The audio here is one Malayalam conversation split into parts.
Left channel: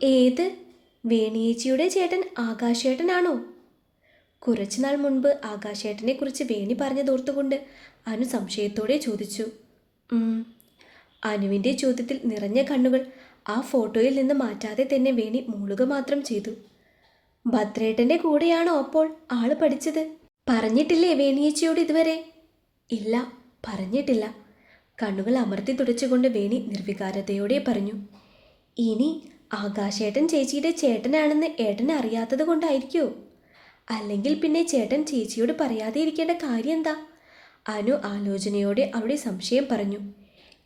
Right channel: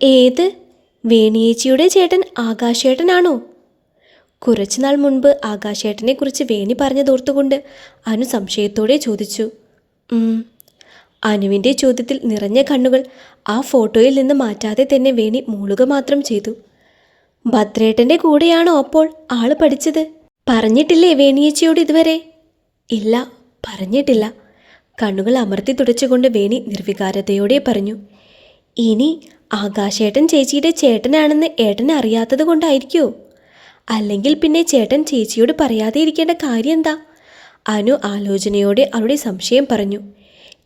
ഏത്? വേണിയേച്ചിയുടെ ചേട്ടൻ ആകാശേട്ടനാണോ? കുറച്ചുനാൾ മുൻപ് ആകാശേട്ടനെ കുറിച്ച് വേണി പറഞ്ഞതോർത്തുകൊണ്ട് അനു സംശയത്തോടെ ചോദിച്ചു. അനുവിന്റെ ചോദ്യത്തിൽ നിറഞ്ഞ കണ്ണുകൾ ആ ഫോട്ടോയിൽ നിന്ന് മാറ്റാതെ തന്നെ വേണി മൂളുക മാത്രം ചെയ്തു. ഭദ്രേട്ടന്റെ കൂടെയാണോ അപ്പോൾ ആൾ പഠിച്ചത്? പറഞ്ഞിട്ടില്ലേ വേണിയേച്ചിയോട് ഇതുവരെ? ഇല്ല പറഞ്ഞിട്ടില്ല. കണ്ണുകൾ അമർത്തി തുടച്ചുകൊണ്ട് വേണി നിർവികാരതയോടെ പറഞ്ഞു. ഇനി ആകാശേട്ടൻ ചേച്ചിയുടെ ചേട്ടനാണെന്ന് ഏട്ടൻ അറിയാത്തത് കൊണ്ടായിരിക്കോ. അല്ലെങ്കിൽ പിന്നെ ചേട്ടൻ ചേച്ചിയോട് പറയാതെ ഇരിക്കേണ്ട കാര്യം എന്താ? അനു ആലോചനയോടെ അവളുടെ സംശയം പറഞ്ഞു.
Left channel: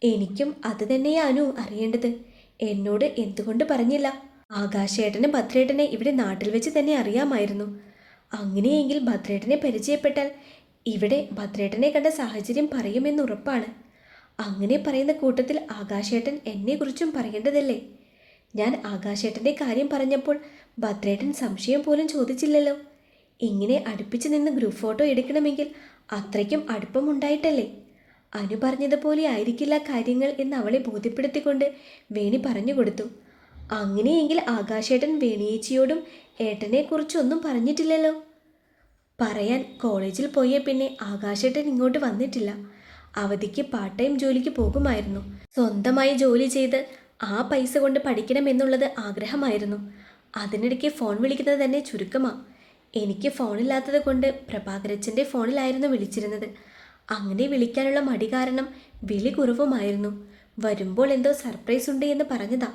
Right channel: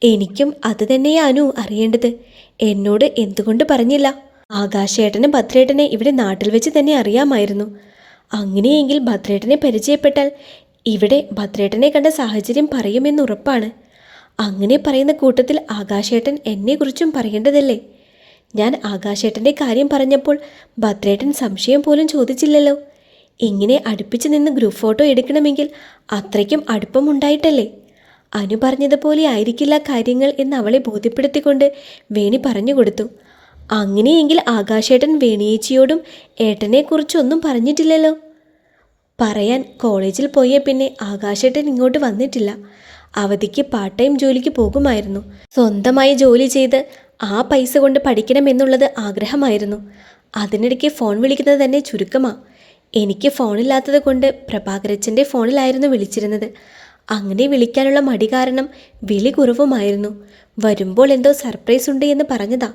എനിക്കും അത് തന്നെയാ അനു അറിയേണ്ടത്. എന്നോട് എന്തുകൊണ്ട് പറഞ്ഞില്ല? ആകാശേട്ടനെ ഭദ്രേട്ടനെ ഇവിടെ നാട്ടിൽ വെച്ച് തന്നെ അറിയാമായിരുന്നു. അങ്ങനെയെങ്കിൽ ഭദ്രേട്ടനെ പരിചയപ്പെട്ടാൽ ഇവിടെ ഭദ്രേട്ടനെ കണ്ട സാഹചര്യം പറയുമെന്ന് ഉറപ്പാണ്. അങ്ങനെ പറയുന്ന കൂട്ടത്തിൽ ആകാശേട്ടൻ എന്നെക്കുറിച്ചും പറയേണ്ടതല്ലേ? ഞാൻ ആകാശേട്ടന്റെ കാര്യം പറഞ്ഞപ്പോൾ ഭദ്രേട്ടൻ സംശയം പോലും ചോദിച്ചില്ലല്ലോ. ഇങ്ങനെ അടുപ്പിച്ച് നിന്ന് ഗ്രൂപ്പ് ഫോട്ടോ എടുക്കണമെങ്കിൽ അത്രയ്ക്കും അടുപ്പമുണ്ടായിട്ടല്ലേ? അനു പറഞ്ഞതുപോലെ ആയിരിക്കില്ല കാര്യങ്ങൾ എന്ന് അവളെ ബോധ്യപ്പെടുത്തിക്കൊണ്ട് വേണി പറഞ്ഞു കൊടുത്തു. അങ്ങനെയെങ്കിൽ ആകാശേട്ടൻ വേണിയേച്ചിയോടും ഏട്ടനെക്കുറിച്ചൊന്നും പറഞ്ഞിട്ടില്ലല്ലോ. പറയാൻ കോളേജിൽ പോയ പിന്നെ ആകാശേട്ടൻ ഇങ്ങോട്ട് വന്നിട്ടില്ല. അവധിക്ക് പാർട്ട് ടൈം ജോലിക്ക് പോകുമായിരുന്നു. സ്വന്തമായി ജോലി ചെയ്ത് ആ പൈസ കൊണ്ട് പഠിക്കണമെന്നുള്ളത് ആഗ്രഹമായിരുന്നു. അതിനിടയ്ക്ക് ഫോൺ വിളിക്കുന്നത് തന്നെ ചുരുക്കമാ. എനിക്ക് ഫോണില്ലാത്തത് കൊണ്ട് പ്രഭാകരച്ചന്റെ ഫോണിലായിരുന്നു വിളിച്ചിരുന്നത്. അങ്ങനെ വിളിക്കാനുള്ള മടി കാരണം വിളി കുറവുമായിരുന്നു. വരുമ്പോൾ എന്തോ സർപ്രൈസ് ഉണ്ട് എന്ന് പറഞ്ഞതാ.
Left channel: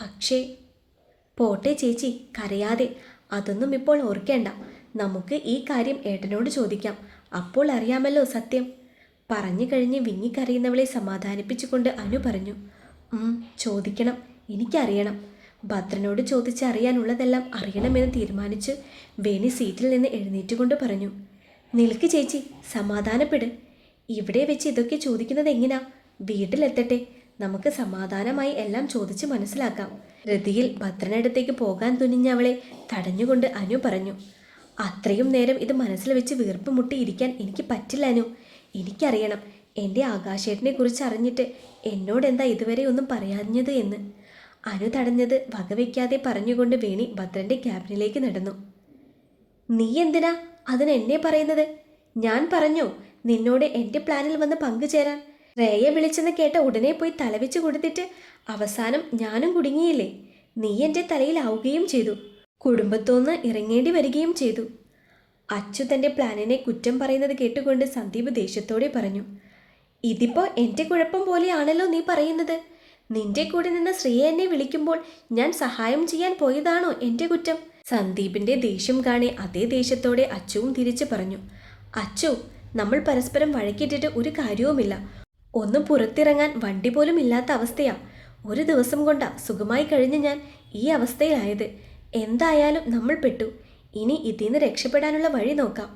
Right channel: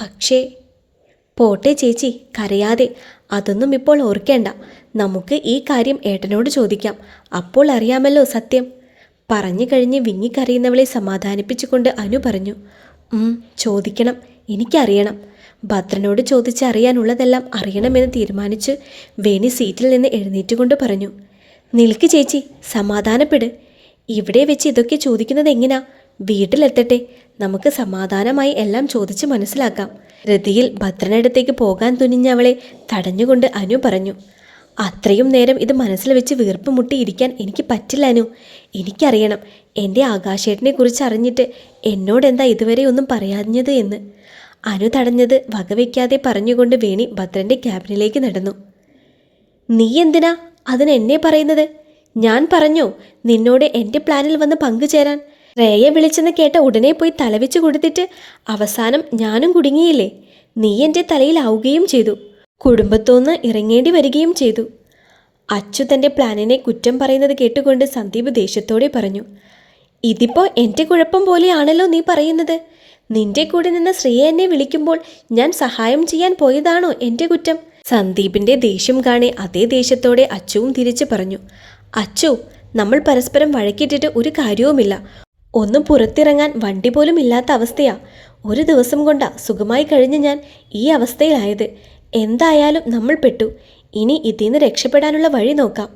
പക്ഷേ പോട്ടെ ചേച്ചി കരയാതെ. അതൊന്നും ഇപ്പോൾ ഓർക്കേണ്ട. നമുക്ക് ഈ കാര്യം ഏട്ടനോട് ചോദിക്കാം. അപ്പോൾ അറിയാമല്ലോ സത്യം. പറഞ്ഞു കഴിഞ്ഞ് വിങ്ങിക്കറിയുന്നവളെ സമാധാനിപ്പിച്ചുകൊണ്ട് അനു പറഞ്ഞു. "ഉം, ചോദിക്കണം. എനിക്കറിയണം. ഭദ്രനോട് ചോദിച്ചറിയാനുള്ളതെല്ലാം അറിയണമെന്ന് തീരുമാനിച്ച് വേണി സീറ്റിൽ നിന്ന് എഴുന്നേറ്റുകൊണ്ട് പറഞ്ഞു. നിൽക്ക് ചേച്ചി സമാധാനപ്പെട്. ഇവിടെ വെച്ച് ഇതൊക്കെ ചോദിക്കുന്നത് എങ്ങനാ? വീട്ടിലെത്തട്ടെ. നമുക്ക് സമാധാനമായി എല്ലാം ചോദിച്ച് മനസ്സിലാക്കാം. രതിയിൽ ഭദ്രനടുത്തേക്ക് പോകാൻ തുനിഞ്ഞ അവളെ തടഞ്ഞുകൊണ്ട് അനു പറഞ്ഞു അത്രയും നേരം ഇത് മനസ്സിൽ വെച്ച് വീർപ്പ് മുട്ടിയിരിക്കാൻ എനിക്ക് പറ്റില്ല അനു. എനിക്കറിയണം. എന്റെ ആകാശേട്ടനെ കുറിച്ച് അറിഞ്ഞിട്ട് എന്നോട് എന്താ ഇതുവരെ ഒന്നും പറയാഞ്ഞത് എന്ന്? അനു തടഞ്ഞത് വകവയ്ക്കാതെ പറഞ്ഞുകൊണ്ട് വേണി ഭദ്രന്റെ ക്യാബിനിലേക്ക് നടന്നു. നീ എന്തിനാ? അതിന് എന്നെ പറയുന്നത്? ഞാൻ പറഞ്ഞോ നിന്നോട് എന്റെ പ്ലാനിൽ വന്ന് പങ്കുചേരാൻ. റേയെ വിളിച്ചെന്ന് കേട്ട ഉടനെ പോയി തലവെച്ച് കൊടുത്തിട്ട് അവസാനം ഞാനും കുടുങ്ങിയില്ലേ? നീ എന്റെ തലയിലാവുകയും ചെയ്തു. കുടുംബത്തോന്ന് ഇറങ്ങേണ്ടി വരികയും ചെയ്തു. അച്ചു തന്റെ പ്ലാനിനെ കുറ്റം പറയുന്നത് കേട്ടുകൊണ്ട് സന്ദീപ് ദേഷ്യത്തോടെ പറഞ്ഞു. ഇതിപ്പോ എന്റെ കുഴപ്പം പോലെയാണല്ലോ നീ പറയുന്നത്. നിന്റെ കൂടെ നിന്ന് ശ്രീയ എന്നെ വിളിക്കുമ്പോൾ ഞാൻ സഹായം ചെയ്യാൻ പോയതാണോ എന്റെ കുറ്റം? സന്ദീപിന്റെ ദേഷ്യം കാണെ അതേ ദേഷ്യത്തോടെ അച്ചുവും തിരിച്ചു പറഞ്ഞു. അച്ചു നമ്മൾ പരസ്പരം വഴക്കിട്ടിട്ട് ഒരു കാര്യവുമില്ല. ഒന്നും പുറത്തിറങ്ങാൻ വണ്ടി പോലും ഇല്ലാത്ത അവസ്ഥയാ. ഒരു ദിവസം കൊണ്ടാ സുഖമായി കഴിഞ്ഞ് ഞാൻ ഈ അവസ്ഥയിലായത്. എന്തായാലും നമ്മൾ പെട്ടു. ഇനി ഇതിൽ നിന്ന് രക്ഷപ്പെടാനുള്ള വഴി നോക്കാം.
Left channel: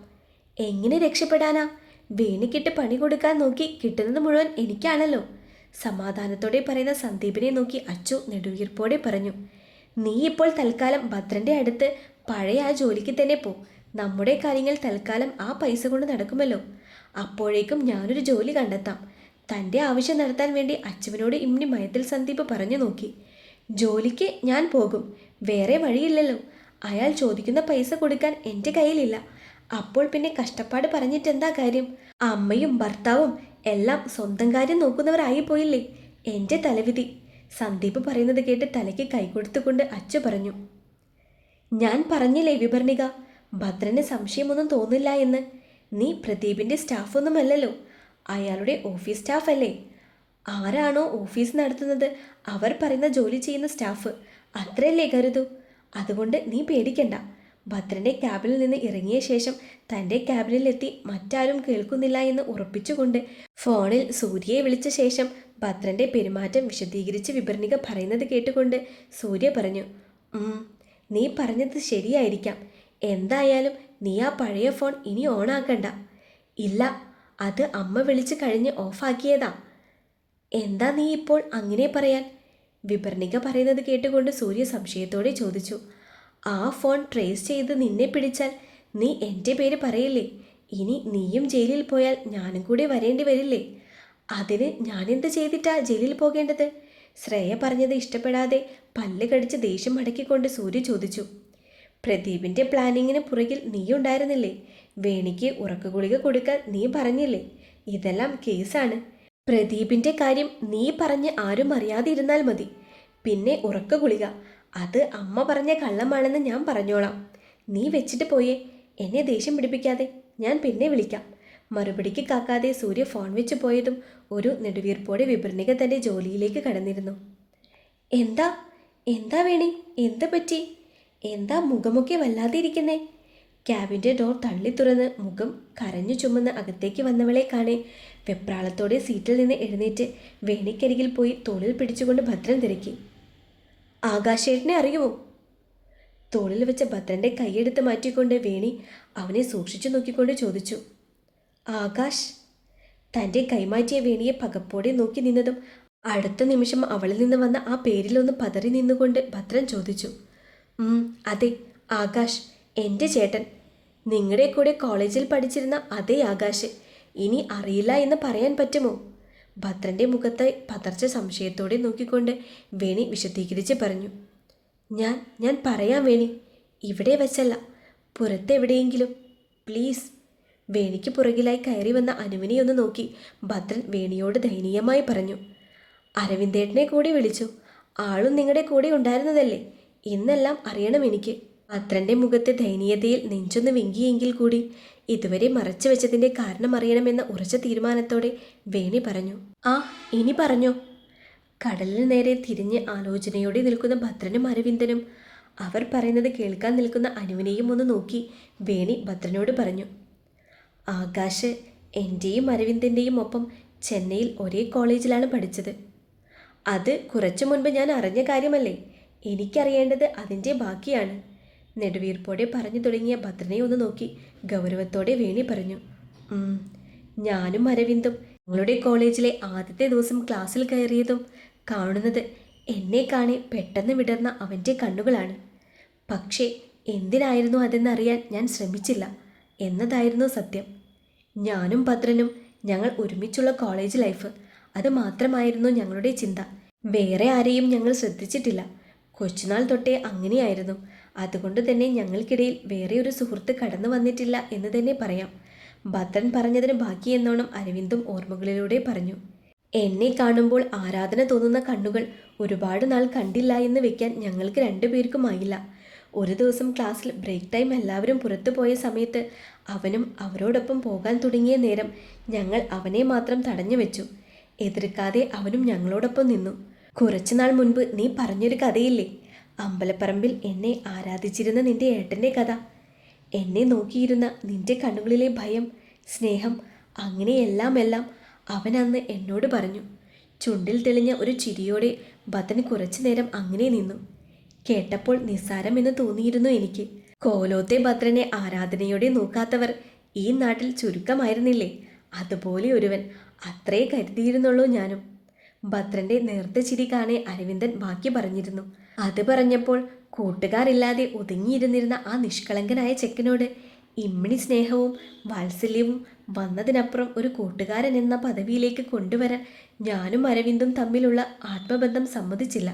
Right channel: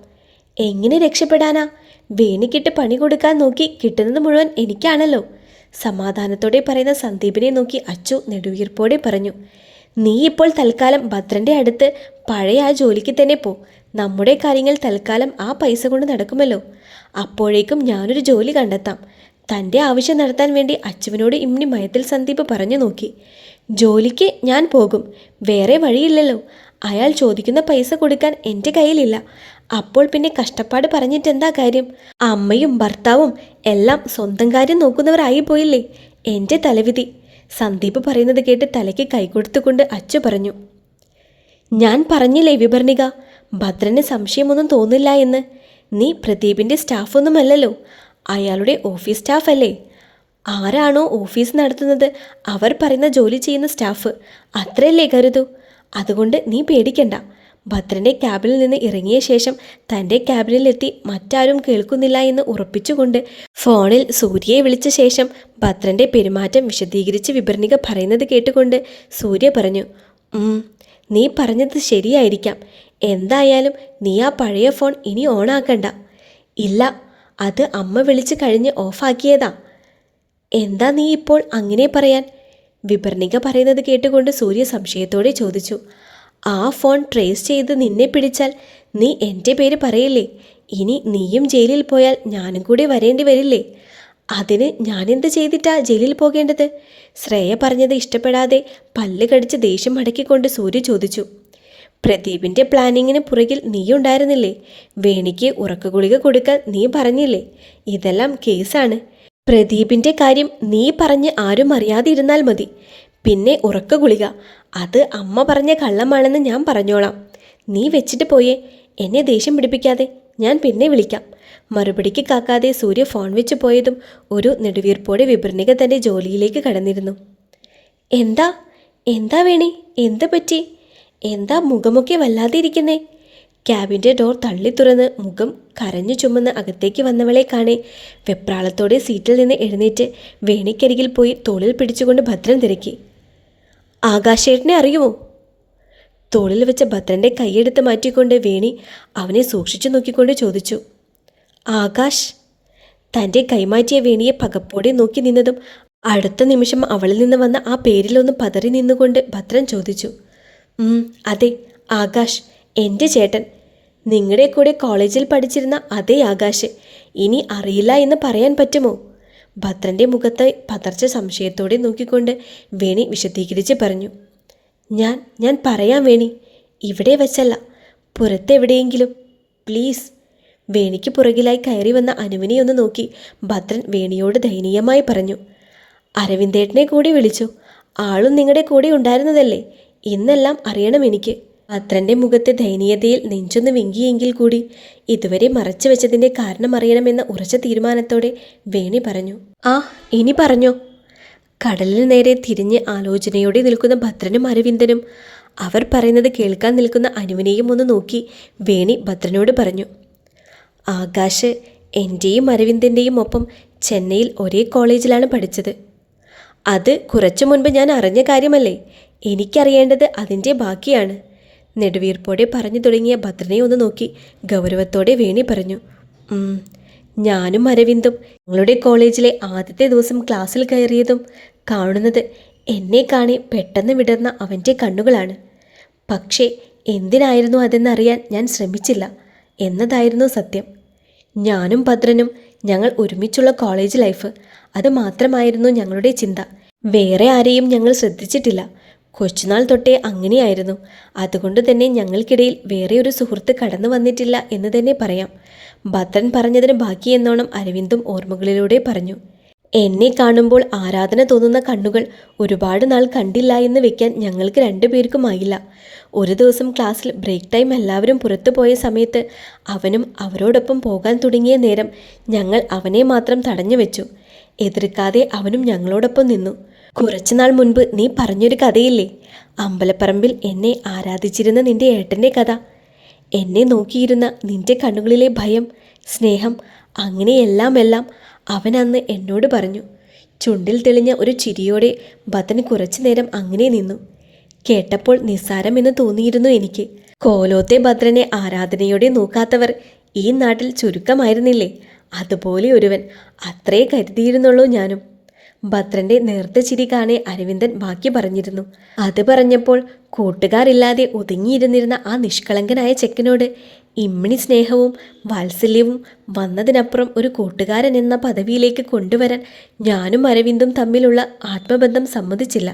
എങ്ങനെ രക്ഷപ്പെടാനാ? വേണിക്കിട്ട് പണി കൊടുക്കാൻ നോക്കി കിട്ടുന്നത് മുഴുവൻ എനിക്കാണല്ലോ. സമാധാനത്തോടെ പറയുന്ന സന്ദീപിനെ നോക്കി അച്ചു നെടുവീർപ്പോടെ പറഞ്ഞു നീ ഇപ്പോൾ തൽക്കാലം ഭദ്രന്റെ അടുത്ത് പഴയ ആ ജോലിക്ക് തന്നെ പോ. നമ്മുടെ കാര്യങ്ങൾ തൽക്കാലം ആ പൈസ കൊണ്ട് നടക്കുമല്ലോ. അപ്പോഴേക്കും ഞാനൊരു ജോലി കണ്ടെത്താം. തന്റെ ആവശ്യം നടത്താൻ വേണ്ടി അച്ചുവിനോട് ഇമ്നി മയത്തിൽ സന്ദീപ് പറഞ്ഞു നോക്കി ജോലിക്ക് ഞാൻ പോകും. വേറെ വഴിയില്ലല്ലോ. അയാൾ ചോദിക്കുന്ന പൈസ കൊടുക്കാൻ എന്റെ കയ്യിലില്ല. അപ്പോൾ പിന്നെ കഷ്ടപ്പാട് പറഞ്ഞിട്ട് എന്താ കാര്യം? അമ്മയും ഭർത്താവും എല്ലാം സ്വന്തം കാര്യം നോക്കുന്നവരായി പോയില്ലേ? എന്റെ തലവിധി. സന്ദീപ് പറയുന്നത് കേട്ട് തലയ്ക്ക് കൈകൊടുത്തുകൊണ്ട് അച്ചു പറഞ്ഞു. ഞാൻ പറഞ്ഞില്ലേ വിഭർണിക ഭദ്രന് സംശയമൊന്നും തോന്നില്ല എന്ന്. നീ പ്രദീപിന്റെ സ്റ്റാഫൊന്നുമല്ലല്ലോ അയാളുടെ ഓഫീസ് സ്റ്റാഫ് അല്ലേ? ആരാണോ ഓഫീസ് നടത്തുന്നത്? അവർ പറയുന്ന ജോലി ചെയ്യുന്ന സ്റ്റാഫ്. അത്രയല്ലേ കരുതൂ. അതുകൊണ്ട് നീ പേടിക്കണ്ട. ഭദ്രന്റെ ക്യാബിനിൽ നിന്ന് ഇറങ്ങിയ ശേഷം തന്റെ ക്യാബിനിലെത്തി മറ്റാരും കേൾക്കുന്നില്ല എന്ന് ഉറപ്പിച്ചുകൊണ്ട് ഫോണിൽ സൂര്യയെ വിളിച്ച ശേഷം ഭദ്രന്റെ പെരുമാറ്റം വിശദീകരിച്ച് വിഭർണിക പറയുന്നത് കേട്ടുകൊണ്ട് സൂര്യ പറഞ്ഞു നീ പറഞ്ഞത് ശരിയായിരിക്കാം. എന്തായാലും നീ ആ പഴയ ഫോൺ ഇനി ഓണാക്കണ്ട. ഇല്ല അത് അമ്മ വിളിച്ച് കഴിഞ്ഞ് ഓഫാക്കിയതാ. എന്താ നീ ഇപ്പോൾ അങ്ങനെ പറയാൻ? വിഭർണിക പറയുന്നത് കേട്ടുകൊണ്ട് സൂര്യ സംശയത്തോടെ ചോദിച്ചു ആ ഫോൺ ട്രേസ് ചെയ്ത് നിന്നെ പിടിച്ചാൽ നീ എന്റെ പേര് പറയില്ലേ? ഇനി നീയും ജയിലിൽ പോയാൽ ഞാനും കൂടി വരേണ്ടി വരില്ലേ? അതിന് ഞാനെന്ത് ചെയ്തിട്ടാ ജയിലിൽ പോകേണ്ടത്? ശ്രേയ പറഞ്ഞത് ഇഷ്ടപ്പെടാതെ പല്ല് കടിച്ച് ദേഷ്യം മടക്കിക്കൊണ്ട് സൂര്യ ചോദിച്ചു. പ്രദീപിന്റെ പ്ലാനിങ്ങിന് പുറകിൽ നീ ഉണ്ടായിരുന്നില്ലേ? വേണിക്ക് ഉറക്കഗുളിക കൊടുക്കാൻ നീ പറഞ്ഞില്ലേ? ഇതെല്ലാം കേസാണ്. പ്രദീപിന്റെ കാര്യം നീ പറഞ്ഞ് ആരും അറിയാതിരുന്നാൽ മതി. പിന്നെ ഉറക്ക ഗുളിക. അത് അമ്മ പറഞ്ഞ കള്ളമാണെന്ന് ഞാൻ പറഞ്ഞോളാം. നീ വെച്ചിട്ട് പോയേ. എന്നെ ദേഷ്യം പിടിപ്പിക്കാതെ ഞാൻ പിന്നെ വിളിക്കാം. മറുപടിക്ക് കാക്കാതെ സൂര്യ ഫോൺ വെച്ച് പോയതും ഒരു നെടുവീർപ്പോടെ വിപർണിക തന്റെ ജോലിയിലേക്ക് കടന്നിരുന്നു. എന്താ? എന്താ വേണി? എന്ത് പറ്റി? എന്താ മുഖമൊക്കെ വല്ലാതെ ഇരിക്കുന്നേ? ക്യാബിന്റെ ഡോർ തള്ളി തുറന്ന് മുഖം കരഞ്ഞു ചുമന്ന് അകത്തേക്ക് വന്നവളെ കാണെ വെപ്രാളത്തോടെ സീറ്റിൽ നിന്ന് എഴുന്നേറ്റ് വേണിക്കരികിൽ പോയി തോളിൽ പിടിച്ചുകൊണ്ട് ഭദ്രം തിരക്കി. ആകാശേട്ടനെ അറിയുമോ? തോളിൽ വെച്ച ഭദ്രന്റെ കൈയെടുത്ത് മാറ്റിക്കൊണ്ട് വേണി അവനെ സൂക്ഷിച്ചു നോക്കിക്കൊണ്ട് ചോദിച്ചു. ആകാശ് തന്റെ കൈമാറ്റിയ വേണിയെ പകപ്പോടെ നോക്കി നിന്നതും അടുത്ത നിമിഷം അവളിൽ നിന്ന് വന്ന ആ പേരിലൊന്ന് പതറി നിന്നുകൊണ്ട് ഭദ്രൻ ചോദിച്ചു. "ഉം, അതെ ആകാശ് എന്റെ ചേട്ടൻ. നിങ്ങളുടെ കൂടെ കോളേജിൽ പഠിച്ചിരുന്ന അതേ ആകാശ്. ഇനി അറിയില്ല എന്ന് പറയാൻ പറ്റുമോ? ഭദ്രന്റെ മുഖത്ത് പതർച്ച സംശയത്തോടെ നോക്കിക്കൊണ്ട് വേണി വിശദീകരിച്ച് പറഞ്ഞു ഞാൻ ഞാൻ പറയാം വേണി ഇവിടെ വെച്ചല്ല പുറത്തെവിടെയെങ്കിലും. പ്ലീസ്. വേണിക്ക് പുറകിലായി കയറി വന്ന അനുവിനെ ഒന്ന് നോക്കി ഭദ്രൻ വേണിയോട് ദയനീയമായി പറഞ്ഞു അരവിന്ദേട്ടനെ കൂടി വിളിച്ചു ആളും നിങ്ങളുടെ കൂടെ ഉണ്ടായിരുന്നതല്ലേ? ഇന്നെല്ലാം അറിയണം എനിക്ക്. ഭദ്രന്റെ മുഖത്തെ ദയനീയതയിൽ നെഞ്ചൊന്ന് വെങ്കിയെങ്കിൽ കൂടി ഇതുവരെ മറച്ചു വെച്ചതിന്റെ കാരണം അറിയണമെന്ന ഉറച്ച തീരുമാനത്തോടെ വേണി പറഞ്ഞു. ആ ഇനി പറഞ്ഞോ. കടലിന് നേരെ തിരിഞ്ഞ് ആലോചനയോടെ നിൽക്കുന്ന ഭദ്രനും അരവിന്ദനും അവർ പറയുന്നത് കേൾക്കാൻ നിൽക്കുന്ന അനുവിനെയും ഒന്ന് നോക്കി വേണി ഭദ്രനോട് പറഞ്ഞു. ആകാശ് എന്റെയും അരവിന്ദന്റെയും ഒപ്പം ചെന്നൈയിൽ ഒരേ കോളേജിലാണ് പഠിച്ചത്. അത് കുറച്ചു മുൻപ് ഞാൻ അറിഞ്ഞ കാര്യമല്ലേ? എനിക്കറിയേണ്ടത് അതിന്റെ ബാക്കിയാണ്. നെടുവീർപ്പോടെ പറഞ്ഞു തുടങ്ങിയ ഭദ്രനെ ഒന്ന് നോക്കി. ഗൗരവത്തോടെ വേണി പറഞ്ഞു "ഉം, ഞാനും അരവിന്ദും ഞങ്ങളുടെ കോളേജിലെ ആദ്യത്തെ ദിവസം ക്ലാസ്സിൽ കയറിയതും കാണുന്നത് എന്നെ കാണി പെട്ടെന്ന് വിടർന്ന അവന്റെ കണ്ണുകളാണ്. പക്ഷേ എന്തിനായിരുന്നു അതെന്നറിയാൻ ഞാൻ ശ്രമിച്ചില്ല എന്നതായിരുന്നു സത്യം. ഞാനും ഭദ്രനും ഞങ്ങൾ ഒരുമിച്ചുള്ള കോളേജ് ലൈഫ് അത് മാത്രമായിരുന്നു ഞങ്ങളുടെ ചിന്ത. വേറെ ആരെയും ഞങ്ങൾ ശ്രദ്ധിച്ചിട്ടില്ല. കൊച്ചുനാൾ തൊട്ടേ അങ്ങനെയായിരുന്നു. അതുകൊണ്ട് തന്നെ ഞങ്ങൾക്കിടയിൽ വേറെ ഒരു സുഹൃത്ത് കടന്നു വന്നിട്ടില്ല എന്ന് തന്നെ പറയാം. ഭദ്രൻ പറഞ്ഞതിന് ബാക്കി എന്നോണം അരവിന്ദും ഓർമ്മകളിലൂടെ പറഞ്ഞു. എന്നെ കാണുമ്പോൾ ആരാധന തോന്നുന്ന കണ്ണുകൾ ഒരുപാട് നാൾ കണ്ടില്ല എന്ന് വെക്കാൻ ഞങ്ങൾക്ക് രണ്ടുപേർക്കുമായില്ല ഒരു ദിവസം ക്ലാസ്സിൽ ബ്രേക്ക് ടൈം എല്ലാവരും പുറത്തു പോയ സമയത്ത് അവനും അവരോടൊപ്പം പോകാൻ തുടങ്ങിയ നേരം ഞങ്ങൾ അവനെ മാത്രം തടഞ്ഞു വെച്ചു. എതിർക്കാതെ അവനും ഞങ്ങളോടൊപ്പം നിന്നു. കുറച്ചുനാൾ മുൻപ് നീ പറഞ്ഞൊരു കഥയില്ലേ? അമ്പലപ്പറമ്പിൽ എന്നെ ആരാധിച്ചിരുന്ന നിന്റെ ഏട്ടന്റെ കഥ. എന്നെ നോക്കിയിരുന്ന നിന്റെ കണ്ണുകളിലെ ഭയം സ്നേഹം അങ്ങനെയെല്ലാം എല്ലാം അവൻ അന്ന് എന്നോട് പറഞ്ഞു. ചുണ്ടിൽ തെളിഞ്ഞ ഒരു ചിരിയോടെ ഭദ്രൻ കുറച്ചു നേരം അങ്ങനെ നിന്നു. കേട്ടപ്പോൾ നിസ്സാരമെന്ന് തോന്നിയിരുന്നു എനിക്ക്. കോലോത്തെ ഭദ്രനെ ആരാധനയോടെ നോക്കാത്തവർ ഈ നാട്ടിൽ ചുരുക്കമായിരുന്നില്ലേ? അതുപോലെ ഒരുവൻ. അത്രേ കരുതിയിരുന്നുള്ളൂ ഞാനും. ഭദ്രന്റെ നേർത്ത ചിരി കാണെ അരവിന്ദൻ ബാക്കി പറഞ്ഞിരുന്നു. അത് പറഞ്ഞപ്പോൾ കൂട്ടുകാരില്ലാതെ ഒതുങ്ങിയിരുന്നിരുന്ന ആ നിഷ്കളങ്കനായ ചെക്കനോട് ഇമ്മിണി സ്നേഹവും വാത്സല്യവും വന്നതിനപ്പുറം ഒരു കൂട്ടുകാരൻ എന്ന പദവിയിലേക്ക് കൊണ്ടുവരാൻ ഞാനും അരവിന്ദും തമ്മിലുള്ള ആത്മബന്ധം സമ്മതിച്ചില്ല.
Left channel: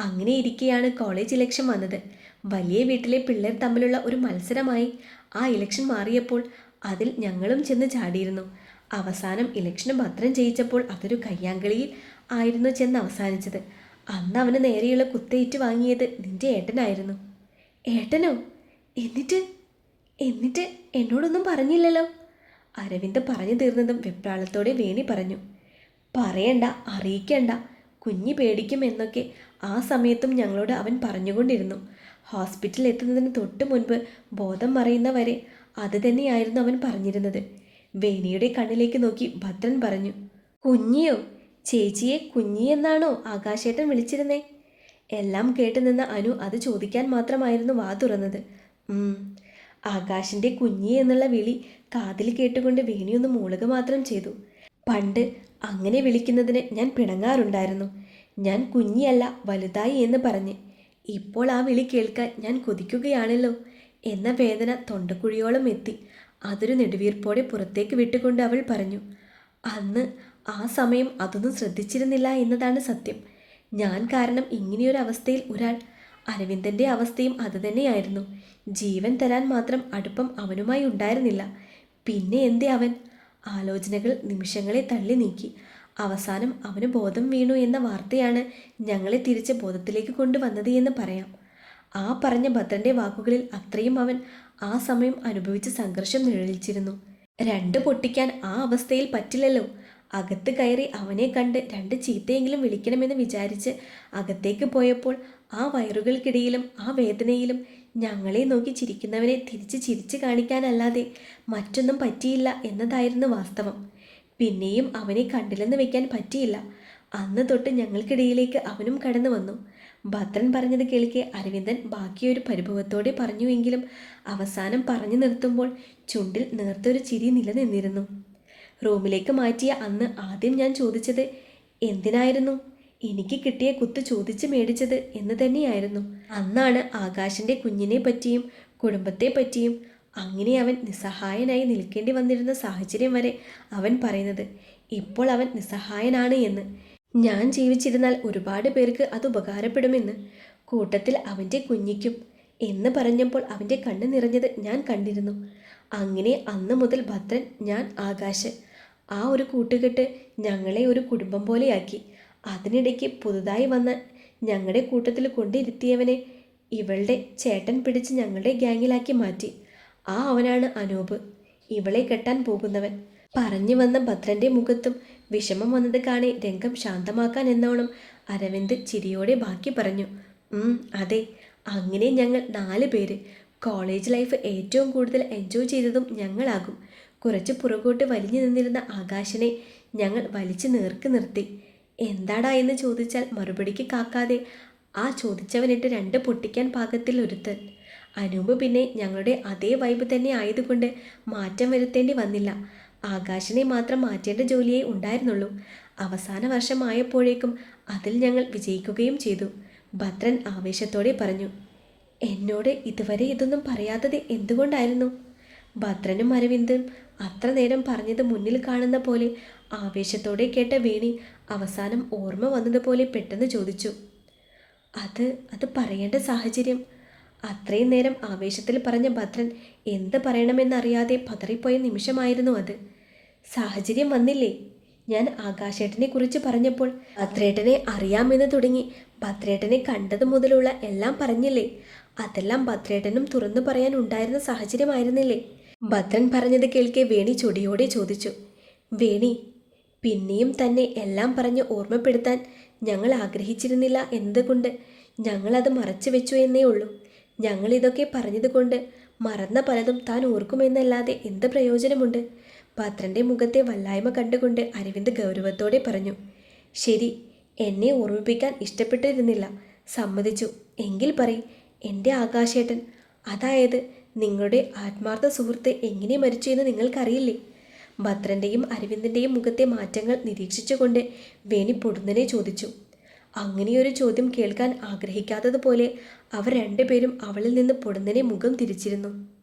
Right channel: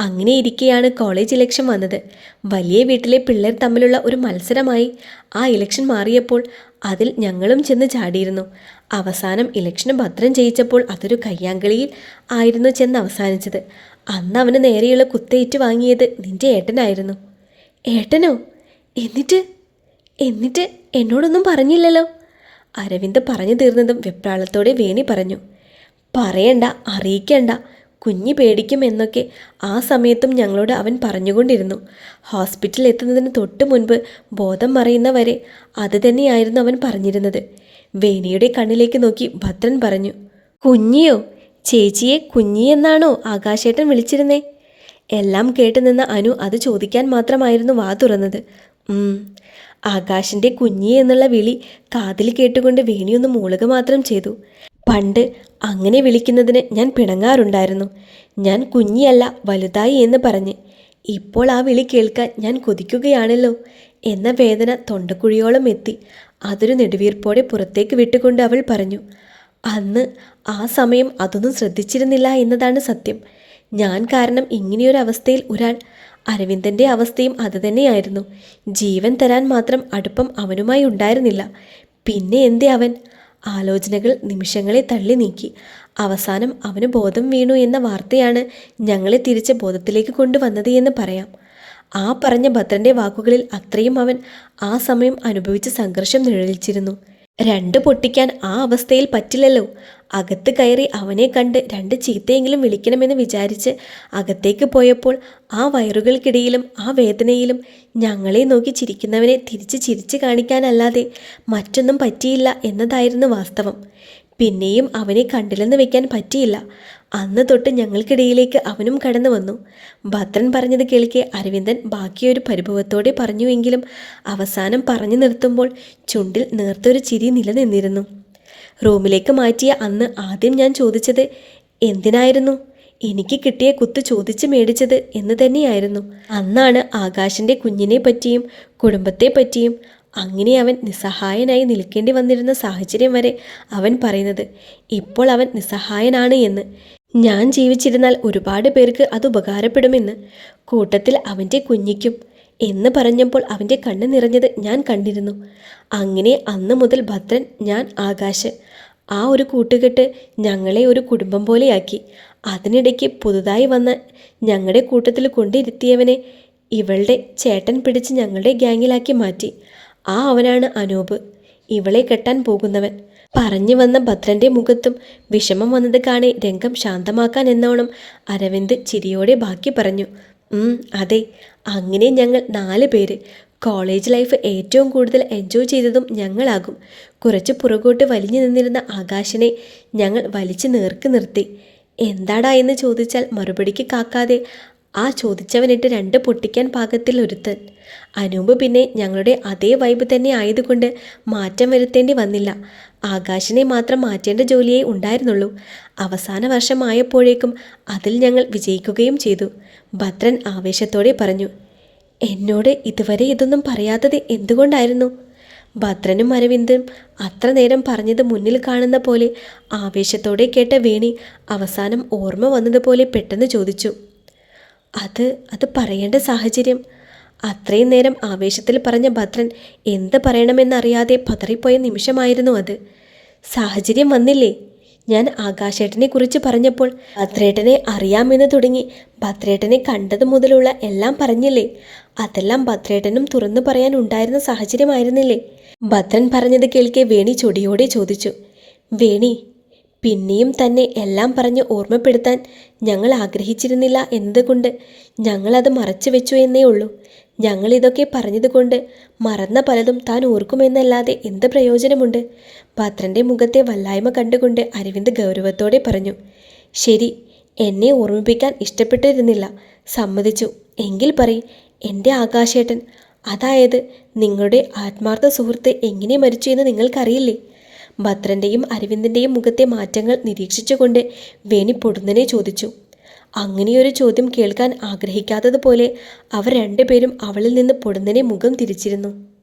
അങ്ങനെ ഇരിക്കെയാണ് കോളേജ് ഇലക്ഷൻ വന്നത്. വലിയ വീട്ടിലെ പിള്ളേർ തമ്മിലുള്ള ഒരു മത്സരമായി ആ ഇലക്ഷൻ മാറിയപ്പോൾ അതിൽ ഞങ്ങളും ചെന്ന് ചാടിയിരുന്നു. അവസാനം ഇലക്ഷന് ഭദ്രം ജയിച്ചപ്പോൾ അതൊരു കയ്യാങ്കളിയിൽ ആയിരുന്നു ചെന്ന് അവസാനിച്ചത്. അന്ന് അവന് നേരെയുള്ള കുത്തേറ്റ് വാങ്ങിയത് നിന്റെ ഏട്ടനായിരുന്നു. ഏട്ടനോ? എന്നിട്ട്? എന്നിട്ട് എന്നോടൊന്നും പറഞ്ഞില്ലല്ലോ? അരവിന്ദ് പറഞ്ഞു തീർന്നതും വെപ്രാളത്തോടെ വേണി പറഞ്ഞു. പറയണ്ട അറിയിക്കണ്ട കുഞ്ഞി പേടിക്കും എന്നൊക്കെ ആ സമയത്തും ഞങ്ങളോട് അവൻ പറഞ്ഞുകൊണ്ടിരുന്നു. ഹോസ്പിറ്റലിൽ എത്തുന്നതിന് തൊട്ട് മുൻപ് ബോധം മറിയുന്നവരെ അത് തന്നെയായിരുന്നു അവൻ പറഞ്ഞിരുന്നത്. വേണിയുടെ കണ്ണിലേക്ക് നോക്കി ഭദ്രൻ പറഞ്ഞു കുഞ്ഞിയോ ചേച്ചിയെ കുഞ്ഞി എന്നാണോ ആകാശേട്ടൻ വിളിച്ചിരുന്നേ? എല്ലാം കേട്ടു നിന്ന അനു അത് ചോദിക്കാൻ മാത്രമായിരുന്നു വാ തുറന്നത്. ആകാശിന്റെ കുഞ്ഞി എന്നുള്ള വിളി കാതിൽ കേട്ടുകൊണ്ട് വേണിയൊന്ന് മൂളുക മാത്രം ചെയ്തു. പണ്ട് അങ്ങനെ വിളിക്കുന്നതിന് ഞാൻ പിണങ്ങാറുണ്ടായിരുന്നു. ഞാൻ കുഞ്ഞിയല്ല വലുതായി എന്ന് പറഞ്ഞ്. ഇപ്പോൾ ആ വിളി കേൾക്കാൻ ഞാൻ കൊതിക്കുകയാണല്ലോ. എന്ന വേദന തൊണ്ടക്കുഴിയോളം എത്തി. അതൊരു നെടുവീർപ്പോടെ പുറത്തേക്ക് വിട്ടുകൊണ്ട് അവൾ പറഞ്ഞു അന്ന് ആ സമയം അതൊന്നും ശ്രദ്ധിച്ചിരുന്നില്ല എന്നതാണ് സത്യം. ഞാൻ കാരണം ഇങ്ങനെയൊരു അവസ്ഥയിൽ ഒരാൾ അരവിന്ദന്റെ അവസ്ഥയും അതുതന്നെയായിരുന്നു ജീവൻ തരാൻ മാത്രം അടുപ്പം അവനുമായി ഉണ്ടായിരുന്നില്ല. പിന്നെ എന്തേ അവൻ? ആലോചനകൾ നിമിഷങ്ങളെ തള്ളി നീക്കി. അവസാനം അവന് ബോധം വീണു എന്ന വാർത്തയാണ് ഞങ്ങളെ തിരിച്ച് ബോധത്തിലേക്ക് കൊണ്ടുവന്നത് എന്ന് പറയാം. ആ പറഞ്ഞ ഭദ്രന്റെ വാക്കുകളിൽ അത്രയും അവൻ ആ സമയം അനുഭവിച്ച സംഘർഷം നിഴലിച്ചിരുന്നു. രണ്ട് പൊട്ടിക്കാൻ ആ അവസ്ഥയിൽ പറ്റില്ലല്ലോ. അകത്ത് കയറി അവനെ കണ്ട് രണ്ട് ചീത്തയെങ്കിലും വിളിക്കണമെന്ന് വിചാരിച്ച് അകത്തേക്ക് പോയപ്പോൾ ആ വയറുകൾക്കിടയിലും ആ വേദനയിലും ഞങ്ങളെ നോക്കി ചിരിക്കുന്നവനെ തിരിച്ച് ചിരിച്ചു കാണിക്കാനല്ലാതെ മറ്റൊന്നും പറ്റിയില്ല എന്നതായിരുന്നു വാസ്തവം. പിന്നെയും അവനെ കണ്ടില്ലെന്ന് വെക്കാൻ പറ്റിയില്ല. അന്ന് തൊട്ട് ഞങ്ങൾക്കിടയിലേക്ക് അവനും കടന്നു വന്നു. ഭദ്രൻ പറഞ്ഞത് കേൾക്കെ അരവിന്ദൻ ബാക്കിയൊരു പരിഭവത്തോടെ പറഞ്ഞുവെങ്കിലും അവസാനം പറഞ്ഞു നിർത്തുമ്പോൾ ചുണ്ടിൽ നേർത്തൊരു ചിരി നിലനിന്നിരുന്നു. റൂമിലേക്ക് മാറ്റിയ അന്ന് ആദ്യം ഞാൻ ചോദിച്ചത് എന്തിനായിരുന്നു? എനിക്ക് കിട്ടിയ കുത്ത് ചോദിച്ച് മേടിച്ചത് എന്ന് തന്നെയായിരുന്നു. അന്നാണ് ആകാശിന്റെ കുഞ്ഞിനെ പറ്റിയും കുടുംബത്തെ പറ്റിയും അങ്ങനെ അവൻ നിസ്സഹായനായി നിൽക്കേണ്ടി വന്നിരുന്ന സാഹചര്യം വരെ അവൻ പറയുന്നത് ഇപ്പോൾ അവൻ നിസ്സഹായനാണ് എന്ന്. ഞാൻ ജീവിച്ചിരുന്നാൽ ഒരുപാട് പേർക്ക് അത് ഉപകാരപ്പെടുമെന്ന്. കൂട്ടത്തിൽ അവന്റെ കുഞ്ഞിക്കും എന്ന് പറഞ്ഞപ്പോൾ അവന്റെ കണ്ണ് നിറഞ്ഞത് ഞാൻ കണ്ടിരുന്നു. അങ്ങനെ അന്ന് മുതൽ ഭദ്രൻ ഞാൻ ആകാശ് ആ ഒരു കൂട്ടുകെട്ട് ഞങ്ങളെ ഒരു കുടുംബം പോലെയാക്കി. അതിനിടയ്ക്ക് പുതുതായി വന്ന ഞങ്ങളുടെ കൂട്ടത്തിൽ കൊണ്ടിരുത്തിയവനെ ഇവളുടെ ചേട്ടൻ പിടിച്ച് ഞങ്ങളുടെ ഗ്യാങ്ങിലാക്കി മാറ്റി. ആ അവനാണ് അനൂപ്. ഇവളെ കെട്ടാൻ പോകുന്നവൻ. പറഞ്ഞു വന്ന ഭദ്രന്റെ മുഖത്തും വിഷമം വന്നത് കാണി രംഗം ശാന്തമാക്കാൻ എന്നോണം അരവിന്ദ് ചിരിയോടെ ബാക്കി പറഞ്ഞു അതെ അങ്ങനെ ഞങ്ങൾ നാല് പേര് കോളേജ് ലൈഫ് ഏറ്റവും കൂടുതൽ എൻജോയ് ചെയ്തതും ഞങ്ങളാകും. കുറച്ച് പുറകോട്ട് വലിഞ്ഞു നിന്നിരുന്ന ആകാശിനെ ഞങ്ങൾ വലിച്ചു നേർക്ക് നിർത്തി. എന്താടാ എന്ന് ചോദിച്ചാൽ മറുപടിക്ക് കാക്കാതെ ആ ചോദിച്ചവനിട്ട് രണ്ട് പൊട്ടിക്കാൻ പാകത്തിൽ ഒരുത്തൻ. അനൂപ് പിന്നെ ഞങ്ങളുടെ അതേ വൈബ് തന്നെ ആയതുകൊണ്ട് മാറ്റം വരുത്തേണ്ടി വന്നില്ല. ആകാശിനെ മാത്രം മാറ്റേണ്ട ജോലിയേ ഉണ്ടായിരുന്നുള്ളൂ. അവസാന വർഷമായപ്പോഴേക്കും അതിൽ ഞങ്ങൾ വിജയിക്കുകയും ചെയ്തു. ഭദ്രൻ ആവേശത്തോടെ പറഞ്ഞു എന്നോട് ഇതുവരെ ഇതൊന്നും പറയാത്തത് എന്തുകൊണ്ടായിരുന്നു? ഭദ്രനും അരവിന്ദും അത്ര നേരം പറഞ്ഞത് മുന്നിൽ കാണുന്ന പോലെ ആവേശത്തോടെ കേട്ട വേണി അവസാനം ഓർമ്മ വന്നതുപോലെ പെട്ടെന്ന് ചോദിച്ചു അത് അത് പറയേണ്ട സാഹചര്യം അത്രയും നേരം ആവേശത്തിൽ പറഞ്ഞ ഭദ്രൻ എന്ത് പറയണമെന്നറിയാതെ പതറിപ്പോയ നിമിഷമായിരുന്നു അത്. സാഹചര്യം വന്നില്ലേ? ഞാൻ ആകാശേട്ടനെ കുറിച്ച് പറഞ്ഞപ്പോൾ ഭദ്രേട്ടനെ അറിയാമെന്ന് തുടങ്ങി ഭദ്രേട്ടനെ കണ്ടത് മുതലുള്ള എല്ലാം പറഞ്ഞില്ലേ? അതെല്ലാം ഭദ്രേട്ടനും തുറന്നു പറയാൻ ഉണ്ടായിരുന്ന സാഹചര്യമായിരുന്നില്ലേ? ഭദ്രൻ പറഞ്ഞത് കേൾക്കെ വേണി ചൊടിയോടെ ചോദിച്ചു. വേണി പിന്നെയും തന്നെ എല്ലാം പറഞ്ഞ് ഓർമ്മപ്പെടുത്താൻ ഞങ്ങൾ ആഗ്രഹിച്ചിരുന്നില്ല എന്തുകൊണ്ട് ഞങ്ങളത് മറച്ചു വെച്ചു എന്നേ ഉള്ളൂ. ഞങ്ങൾ ഇതൊക്കെ പറഞ്ഞതുകൊണ്ട് മറന്ന പലതും താൻ ഓർക്കുമെന്നല്ലാതെ എന്ത് പ്രയോജനമുണ്ട്? പത്രന്റെ മുഖത്തെ വല്ലായ്മ കണ്ടുകൊണ്ട് അരവിന്ദ് ഗൗരവത്തോടെ പറഞ്ഞു ശരി എന്നെ ഓർമ്മിപ്പിക്കാൻ ഇഷ്ടപ്പെട്ടിരുന്നില്ല. സമ്മതിച്ചു. എങ്കിൽ പറ എന്റെ ആകാശേട്ടൻ അതായത് നിങ്ങളുടെ ആത്മാർത്ഥ സുഹൃത്ത് എങ്ങനെ മരിച്ചു എന്ന് നിങ്ങൾക്കറിയില്ലേ? ഭദ്രന്റെയും അരവിന്ദിന്റെയും മുഖത്തെ മാറ്റങ്ങൾ നിരീക്ഷിച്ചുകൊണ്ട് വേണി പൊടുന്നനെ ചോദിച്ചു. അങ്ങനെയൊരു ചോദ്യം കേൾക്കാൻ ആഗ്രഹിക്കാത്തതുപോലെ അവർ രണ്ടുപേരും അവളിൽ നിന്ന് പൊടുന്നനെ മുഖം തിരിച്ചിരുന്നു.